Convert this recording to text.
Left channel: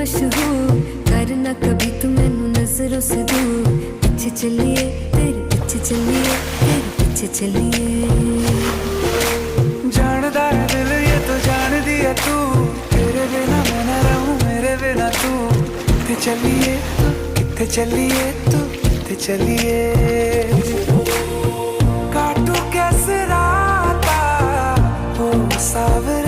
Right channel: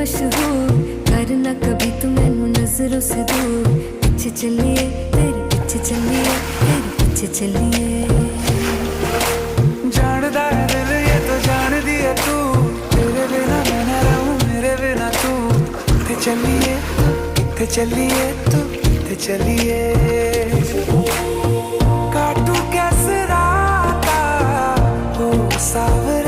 मशहूर, करना कभी तू मैनू नजरों से दूर। पीछे चलिए तेरे पीछे चलिए, तेरे पीछे चलिए। जानदा है दिल ये तो जान दिया तू, तेरे बिना मैं न रहूं मेरे बिना तू। किथे चलिए तू, किथे चलिए तू, किथे चलिए। काटू कैसे राता हो सावे